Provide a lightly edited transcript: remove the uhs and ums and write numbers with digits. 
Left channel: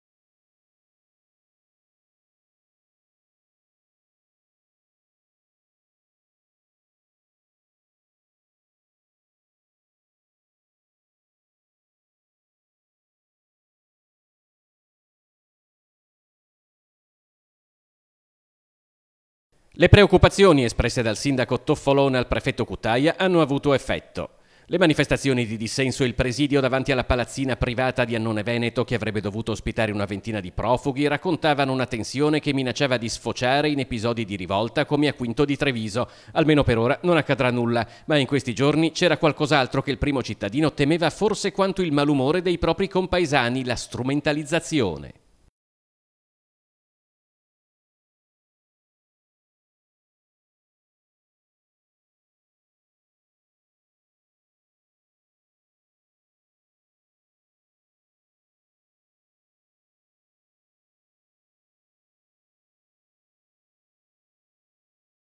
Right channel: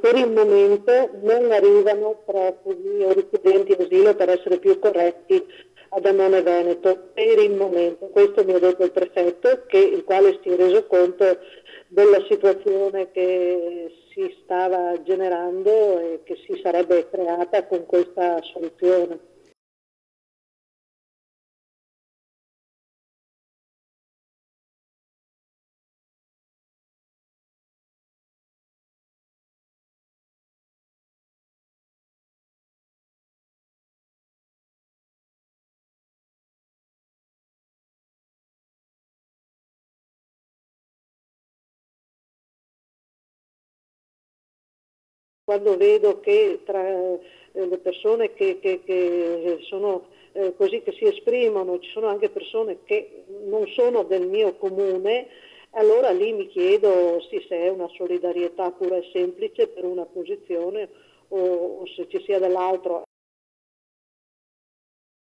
Per il momento non arrivano profughi o richiedenti asilo, per essere più corretti, ad Annone Veneto. Per il momento, questo mi ha detto il prefetto, il quale si è reso conto della situazione che si stava generando e che si sarebbe creata con questa soluzione. Le preoccupazioni espresse dal sindaco Toffolone al prefetto Cutaia hanno avuto effetto. Le manifestazioni di dissenso e il presidio davanti alla palazzina privata di Annone Veneto, che avrebbe dovuto ospitare una ventina di profughi, raccontavano una tensione che minacciava di sfociare in episodi di rivolta come a Quinto di Treviso. Almeno per ora non accadrà nulla, ma in questi giorni c'era qualcos'altro che il primo cittadino temeva forse quanto il malumore dei propri compaesani, la strumentalizzazione. Quando vedo che tra le persone che sono così, che si esprimono, ci sono anche persone che non sono del mio comune, allora lì mi chiedo se è una solidarietà pura e semplice per una posizione o se ci sia dell'altro.